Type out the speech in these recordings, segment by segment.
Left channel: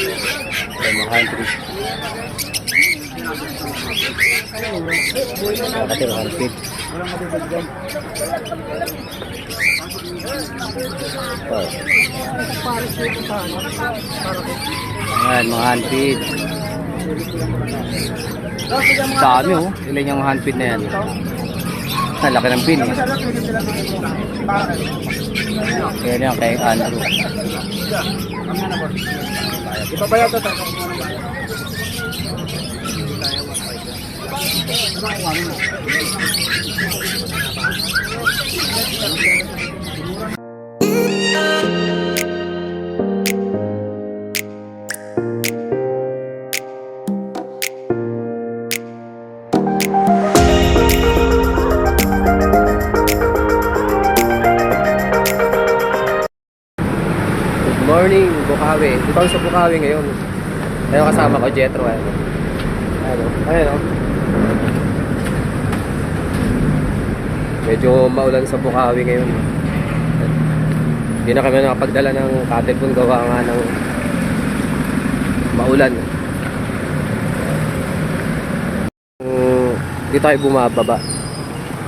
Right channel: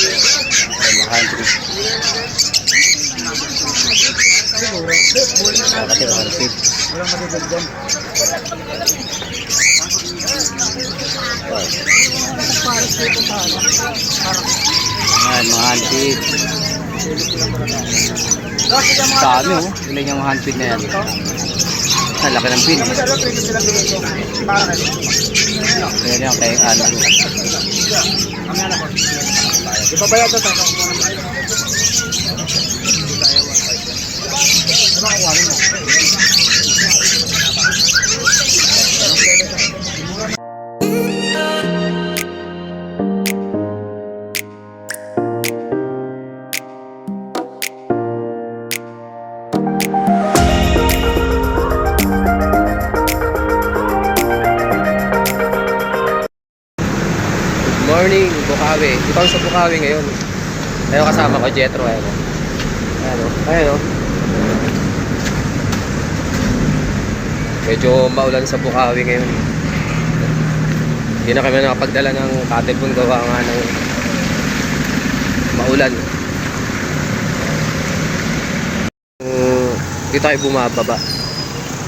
Ay, mga country. Nakatira, hansip. Ayan, mga hansip. Dami oh. Ilan yung mga hansip na yan? Ang laki ng pin. Pero yan kay Andrew. Morning, Bukawi. Dito ako sa Bukawi ngayon. Ayun kasama ko, Jetro. Ayun. Ayun. Medyo maulan sa Bukawi ngayon. Hindi na kami nakapagdala ng cattle gawa nga ng maulan. Dito tayo bumababa.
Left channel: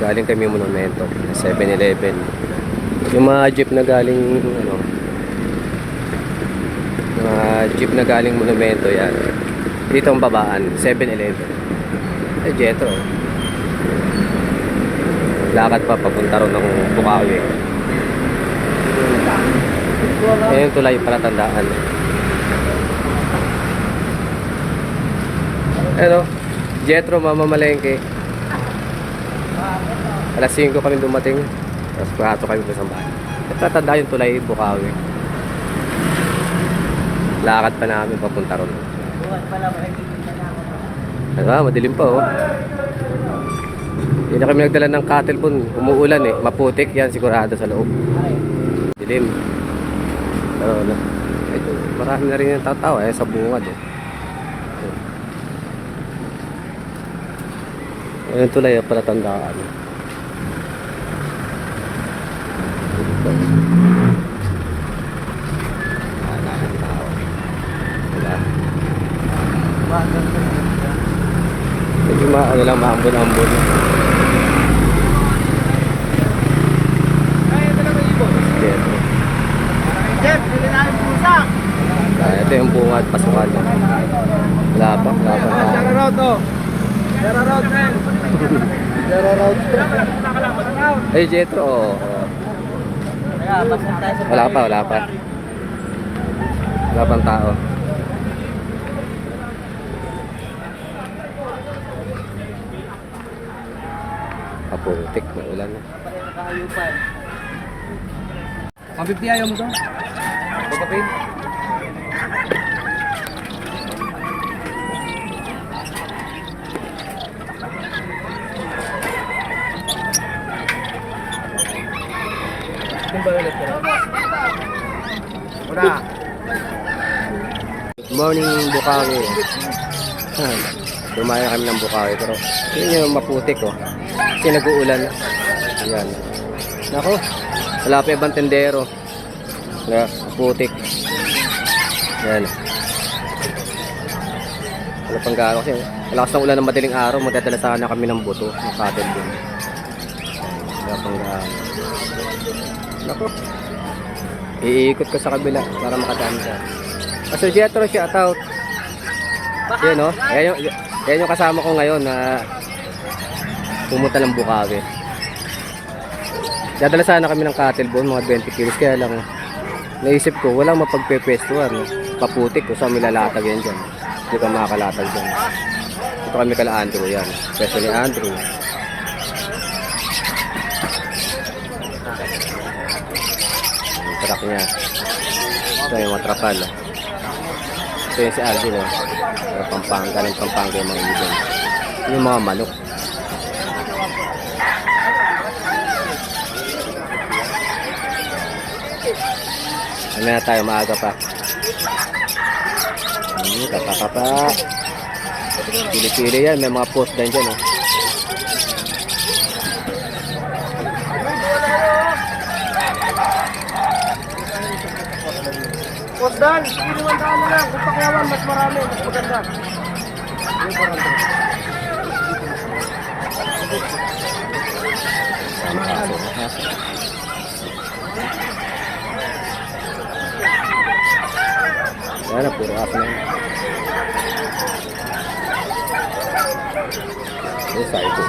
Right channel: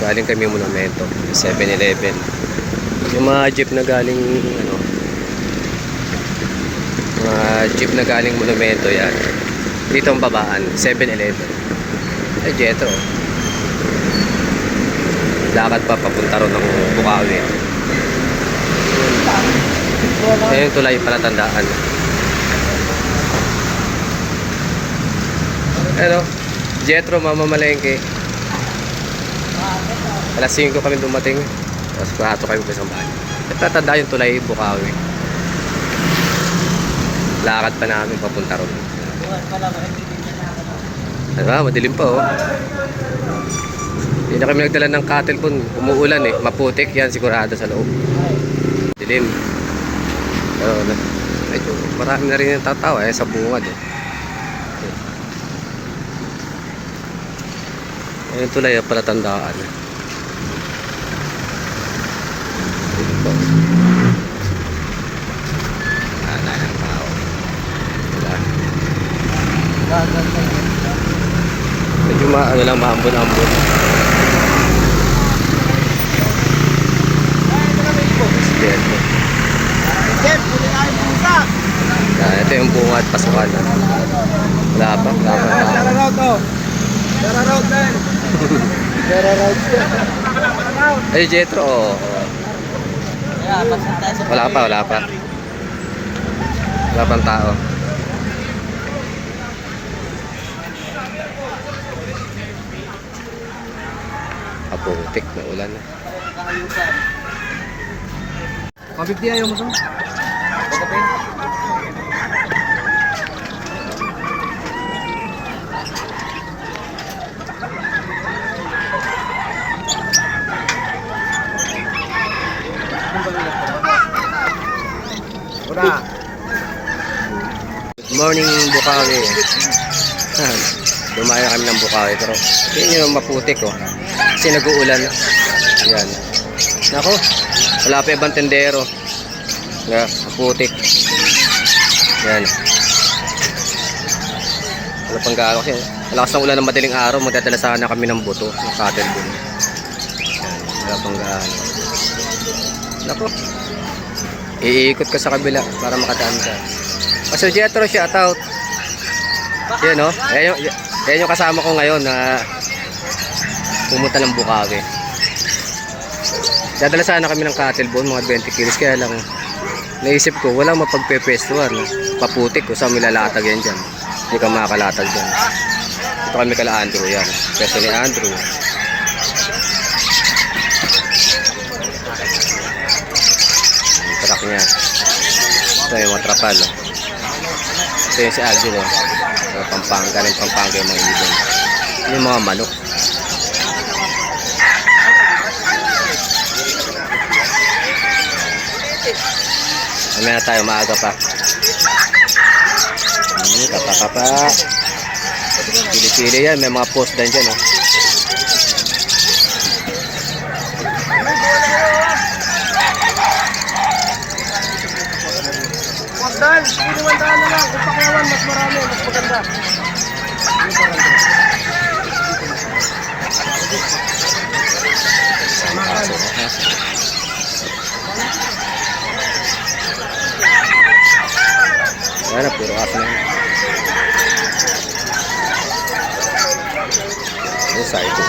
Galing kami Monumento, 7-Eleven. Yung mga jeep na galing jeep na galing Monumento yan. Dito ang babaan, 7-Eleven. Ay, Jetro. Lakad pa papunta ron ng Bukawi. Ayun tulay palatandaan. Ano? Jetro, mamamalengke. Alas 5 kami dumating. Tapos pahato kami sa bahay. Tatanda yung tulay Bukawi. Lakad pa namin papunta ron. Ano, madilim pa oh. Hindi na kami nagdala ng cattle pun. Umuulan eh. Maputik yan sigurado sa loob. Dilim. Pero medyo marami na rin yung tatawa sa bungad eh. Ayun tulay palatandaan. Dito po. Ng tao. Wala. Medyo maambon-ambon. Ito. Ito yung bunga at pasukan. Wala pa tao. Ay, Jetro. Wala pa. Wala pang tao. Aputik na ulan na. Mabibti ayaw mo to? Good morning, Bukawi. Dumayo kami ng Bukawi pero yun yung maputik oh. Kasi nag-uulan. Yan. Nako, wala pa ibang tendero. Maputik. Yan. Wala pang gano kasi malakas ng ulan ng madaling araw. Magdadala sana kami ng buto ng cattle dun. Yan. Wala pang gaano. Nako, iikot ka sa kabila para makadaan ka. Pastor Jetro, shout out. Yan o. Yan yung kasama ko ngayon na pumunta ng Bukawi. Dadala sana kami ng cattle bone, mga 20 kilos. Kaya lang naisip ko, walang mapagpepestuhan. Paputik ko sa milalatag yan dyan. Hindi ka makakalatag dyan. Ito kami kala Andrew yan. Pesto ni Andrew. Yung truck niya. Ito yung mga trapal. Ito yung si Alvin oh. Galing Pampanga yung mga ibon. Yung mga manok. Mamaya na tayo, maaga pa. Kapa. Pili-pili yan, may mga post din dyan oh. 500 na lang. Kung pakyawan, mas marami, mas maganda. Sama aso. Ha? Yan na, puro aso na yan. Yung psycho.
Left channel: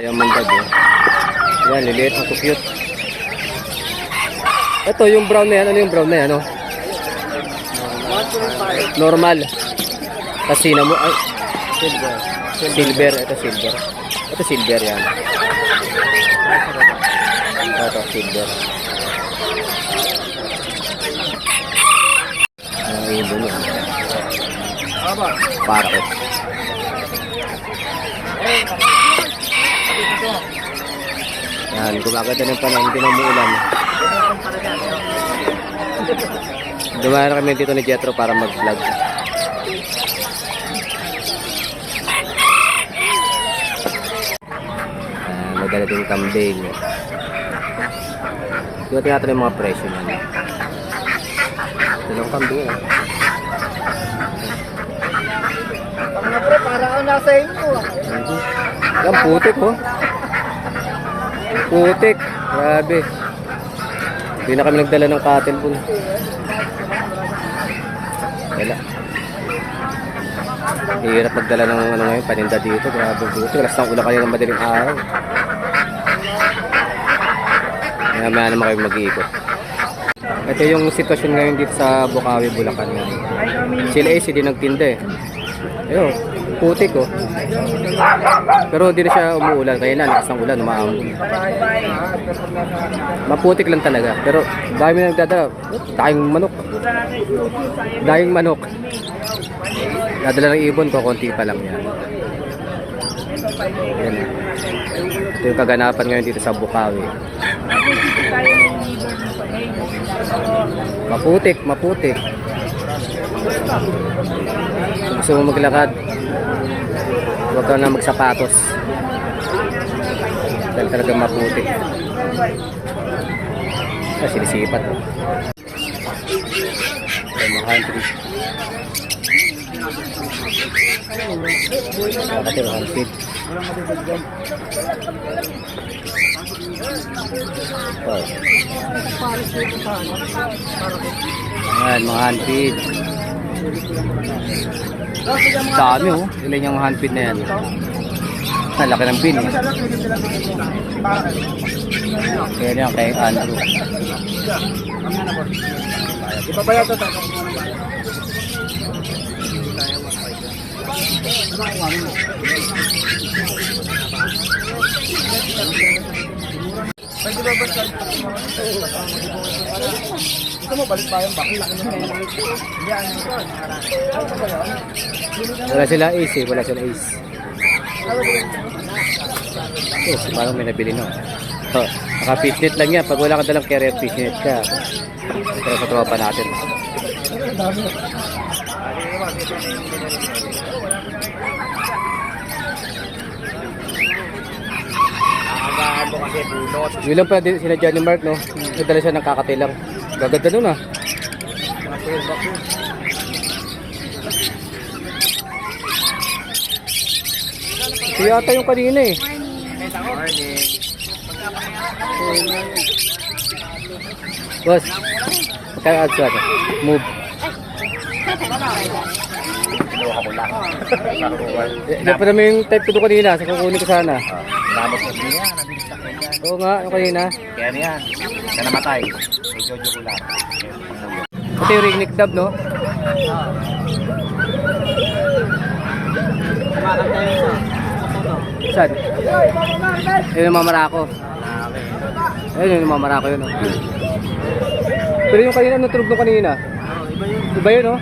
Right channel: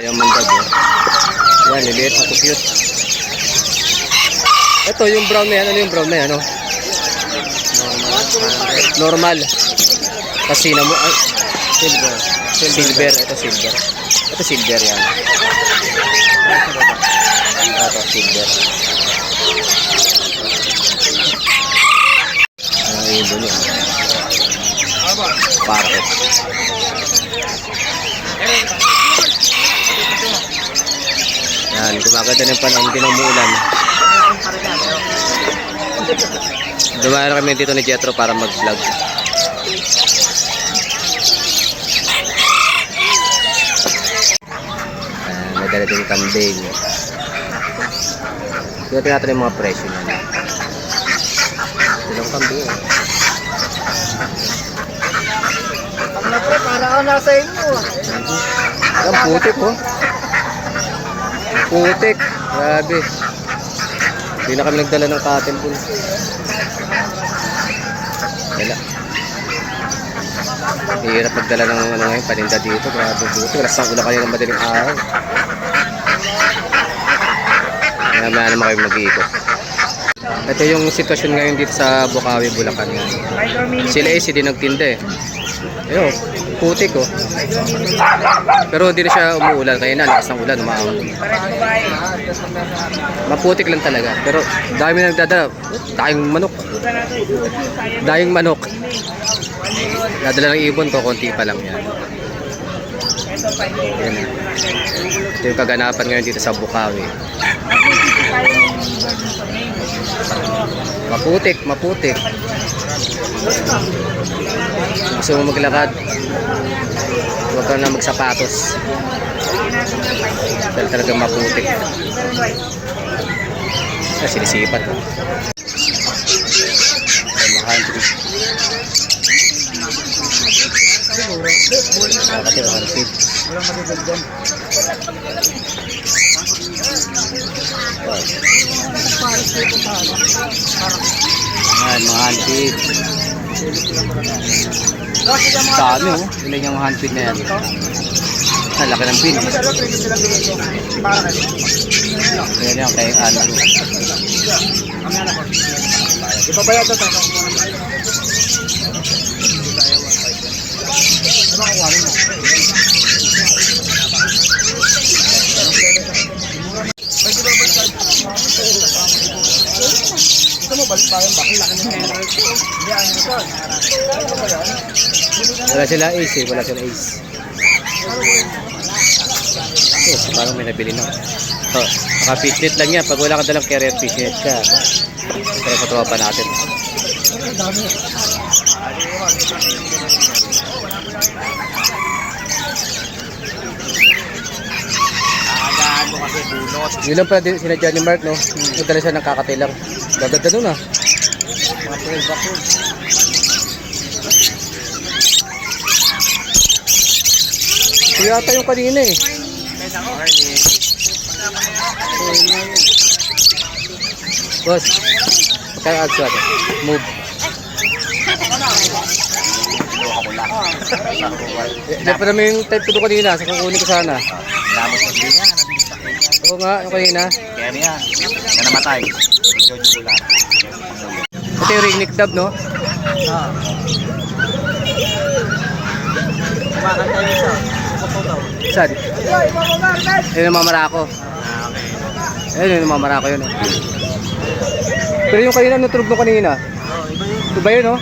Ayan mandag oh. Yan, liliit, cute. Ito yung brown na yan. Ano yung brown na yan? Ano? Normal. Kasi na mo. Ay, silver. Silver. Ito silver. Ito silver yan. Ito silver. Ang ibon yan. Parrot. Yan, gumaganda ng panahon, hindi na umuulan. Dumayo na kami dito ni Jetro para mag-vlog. May dala din kambing. Tingnan natin yung mga presyo niyan. Dalawang kambing eh. Para ka nasa inyo. Ang putik oh. Putik. Grabe. Hindi na kami nagdala ng cotton wool. Dala. Hirap magdala ng ano ngayon, paninda dito. Grabe buti. Alas ng ulan kanina ng madaling araw. Maya naman kayo mag-iikot. Ito yung sitwasyon ngayon dito sa Bukawi, Bulacan. Sila AC din nagtinda eh. Ayun, putik oh. Pero hindi na siya umuulan. Kaya na, lakas ng ulan, umaambon. Maputik lang talaga. Pero dami nagdadala. Dahing manok. Dahing manok. Dadala ng ibon ko, konti pa lang yan. Yan eh. Ito yung kaganapan ngayon dito sa Bukawi. Maputik, maputik. Kung gusto mo maglakad, huwag ka na magsapatos. Dahil talagang maputik. Sinisipat oh. Mahal. Nakatira, hansit. Ayan, mga hansit. Dami oh. Ilan yung hansit na yan. Ang laki ng pin eh. Ayan yan kay Andrew. Ipabayad ito. Gusto mo balik pa yung bakit? Wala sila ace eh. Wala sila ace. Oh, parang may nabili no. Oh, naka-fishnet lang yan. Pag wala ka dalang carrier, fishnet ka. Pero sa tropa natin. Agaano kasi bunot. Yun lang pala din sinadya ni Mark no. Nagdala siya ng kakatilang. Gaganda nun ah. Ito yata yung kanina eh. Boss, kaya ads natin. Move. Yan pa naman yung type ko doon kanina. Sa kukunin ko sana. Lamot mo din yan. Nabilis sa kanya. Oo nga, yung kanina. Kaya ano yan. Na namatay. Medyo jugular. Ito yung ring neck dub, no? Saan? Ayun yung mamarako. Ayun yung mamarako yun, no? Pero yung kanina, natulog nung kanina. Iba yun, no?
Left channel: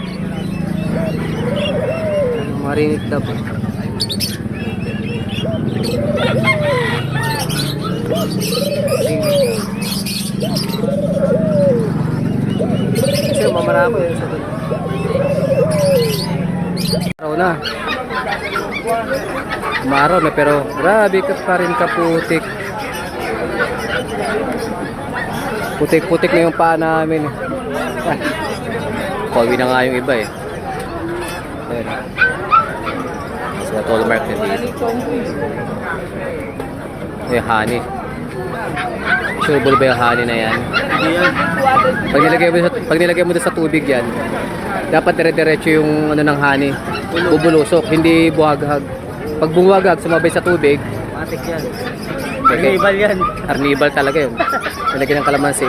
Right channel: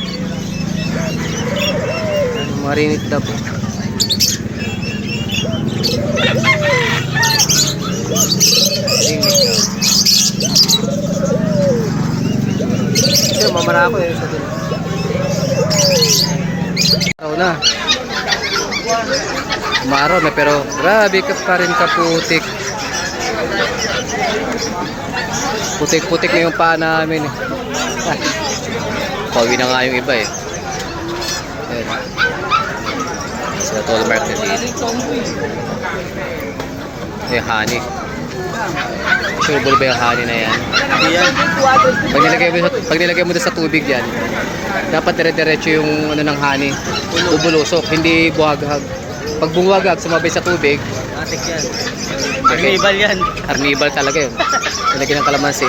Yung mga ring neck dub, oh. Kasi mamarako eh. Araw na. Umaraw na pero grabe ka pa rin kaputik. Putik-putik na yung paa namin eh. Ah, Pauwi na nga yung iba eh. Ayan. Sila toll mark na dito. Eh, honey. Sureable ba yung honey na yan? Pag nilagay mo sa tubig yan, dapat dire-diretso yung ano ng honey. Bubulusok, hindi buhagag. Pag bumuwagag, sumabay sa tubig. Matik yan. Ito, Carnival yan. Carnival talaga yun. Nilagyan ng kalamansi.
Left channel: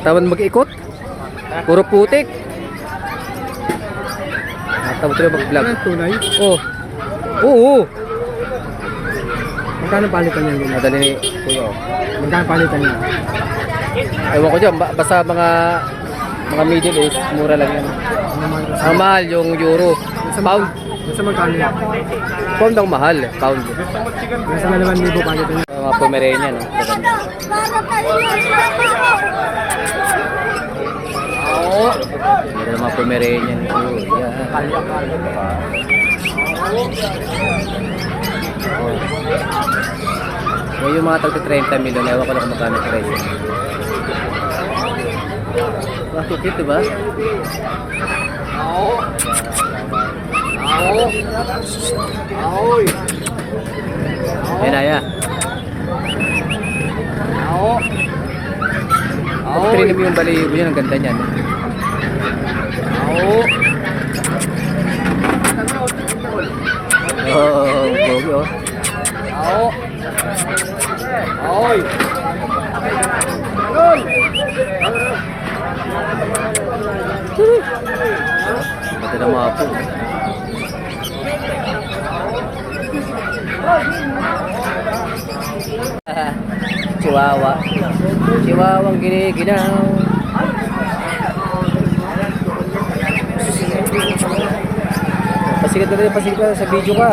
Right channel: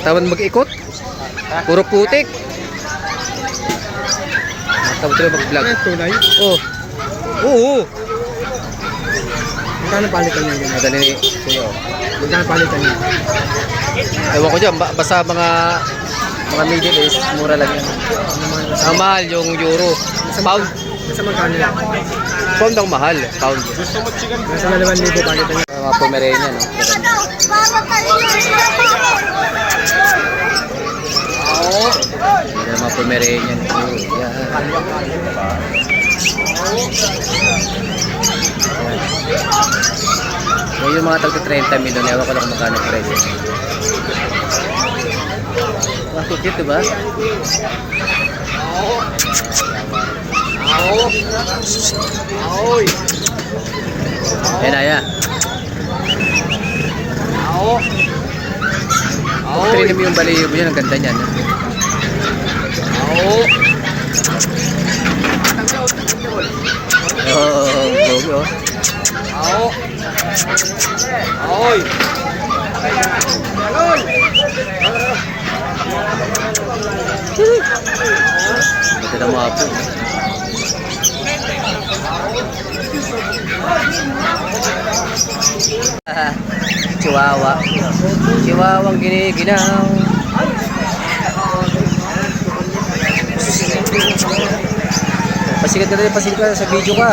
Katawan mag-ikot. Puro putik. Natawa tuloy mag-vlog. Tunay? Oh. Oo. Magkano palitan yun? Nadali ni Kuya. Oh. Magkano palitan yun? Ewan ko dyan, basta mga Middle East, mura lang yan. Ang mahal yung euro. Pound. Kasi magkano yun? Pound ang mahal. Pound. Nasa 2,000 palitan yun. Mga Pomeranian, no? Maganda. Hindi na mga Pomeranian. Oh, yeah. Yan yung mga tagto 30 milyon. Ewan ko lang kung magkano presyo. Wow, cute, diba? Ayan, Aya. Pag trinim yung baliyo mo yan, ang ganda niyan. Oh, bogi oh. Ganda ng mga po. Chihuahua. Chihuahuang giniginaw. Pasigad na rin, pasigad ka sa video ka.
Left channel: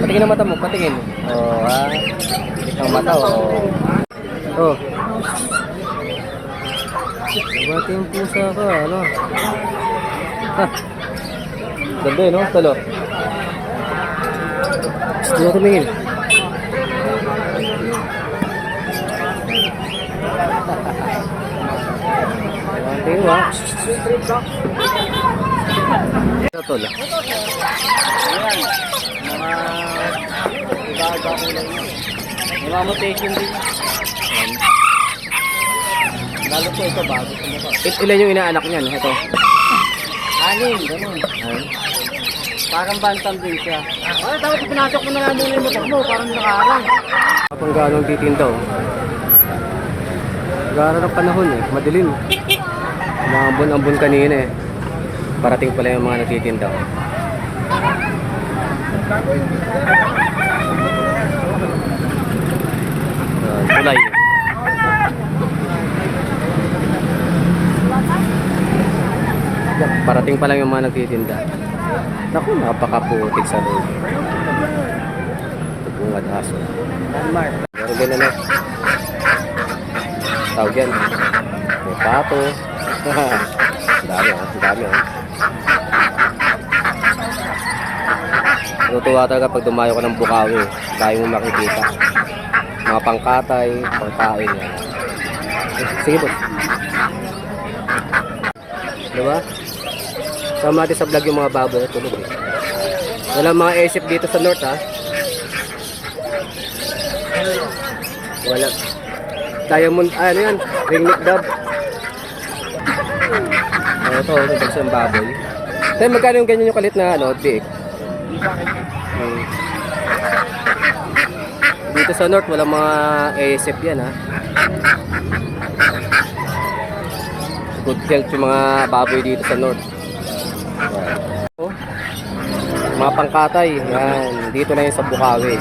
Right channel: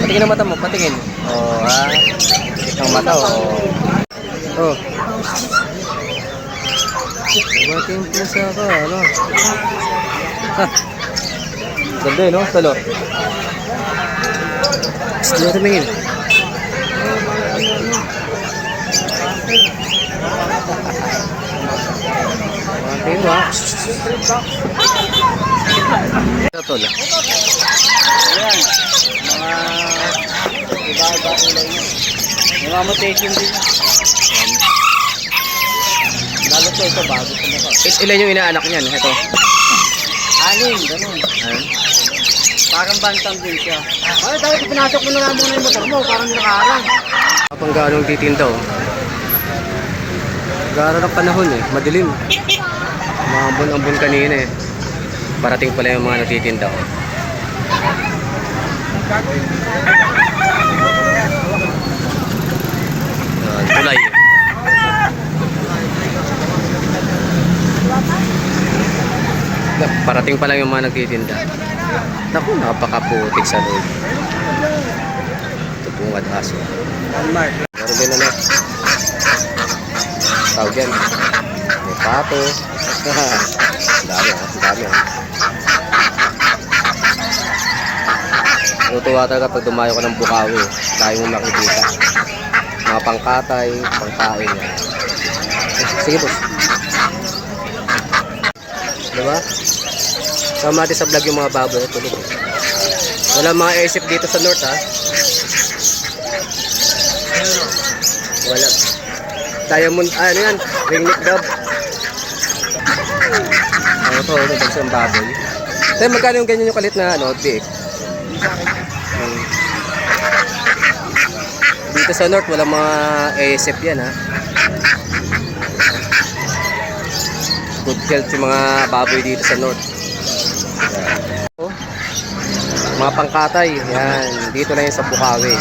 Patingin ang mata mo, patingin. Oh, ha? Patingin ang mata, oh. Oh. Nabating pusa ka, ano? Ha? Ganda eh, no? Talo. Hindi mo tumingin. Nabating mo, ha? Ito, tol. Ayan. Mga iba-iba kulay niya. May mga mutation din. Lalo to ito bago sa mukha. Ilan yung inaanak niyan? Ito. 6, ganun. Ayan. Parang bantam din siya. Ay, dapat pinasok mo na lang muna yung motor mo. Parang nakaharang. Kapag ganong titinda, oh. Gara ng panahon eh. Madilim. Umambon-ambon kanina eh. Parating pala yung mga nagtitinda, oh. Tulay. Parating pa lang yung mga nagtitinda. Naku, napakaputik sa loob. Ito bungad aso. Meron din ano. Tawag yan. May pato. Dami oh. Dami oh. Natutuwa talaga pag dumayo ka ng Bukawi. Dahil mo makikita. Mga pangkatay, pangkain yan. Sige boss. Diba? Sama natin sa vlog yung mga baboy. Tulog eh. Wala mga isip dito sa north ha. Wala. Diamond, ano yan? Ringneck dove. Ito, isang baboy. Tayo magkano yung ganyan yung kalit na ano, biik? Dito sa north, wala mga ASF yan ha. Good health yung mga baboy dito sa north. Yan. Oh, mga pangkatay, yan. Dito na yun sa Bukawi.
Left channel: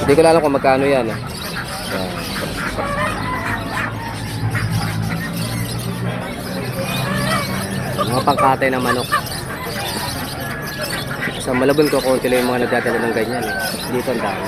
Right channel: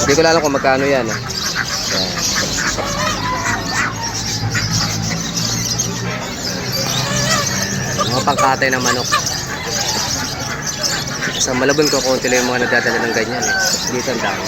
Hindi ko alam kung magkano yan. Yan. Mga pangkatay na manok. Sa Malabon ko, konti lang yung mga nagdadala ng ganyan eh. Dito ang dami.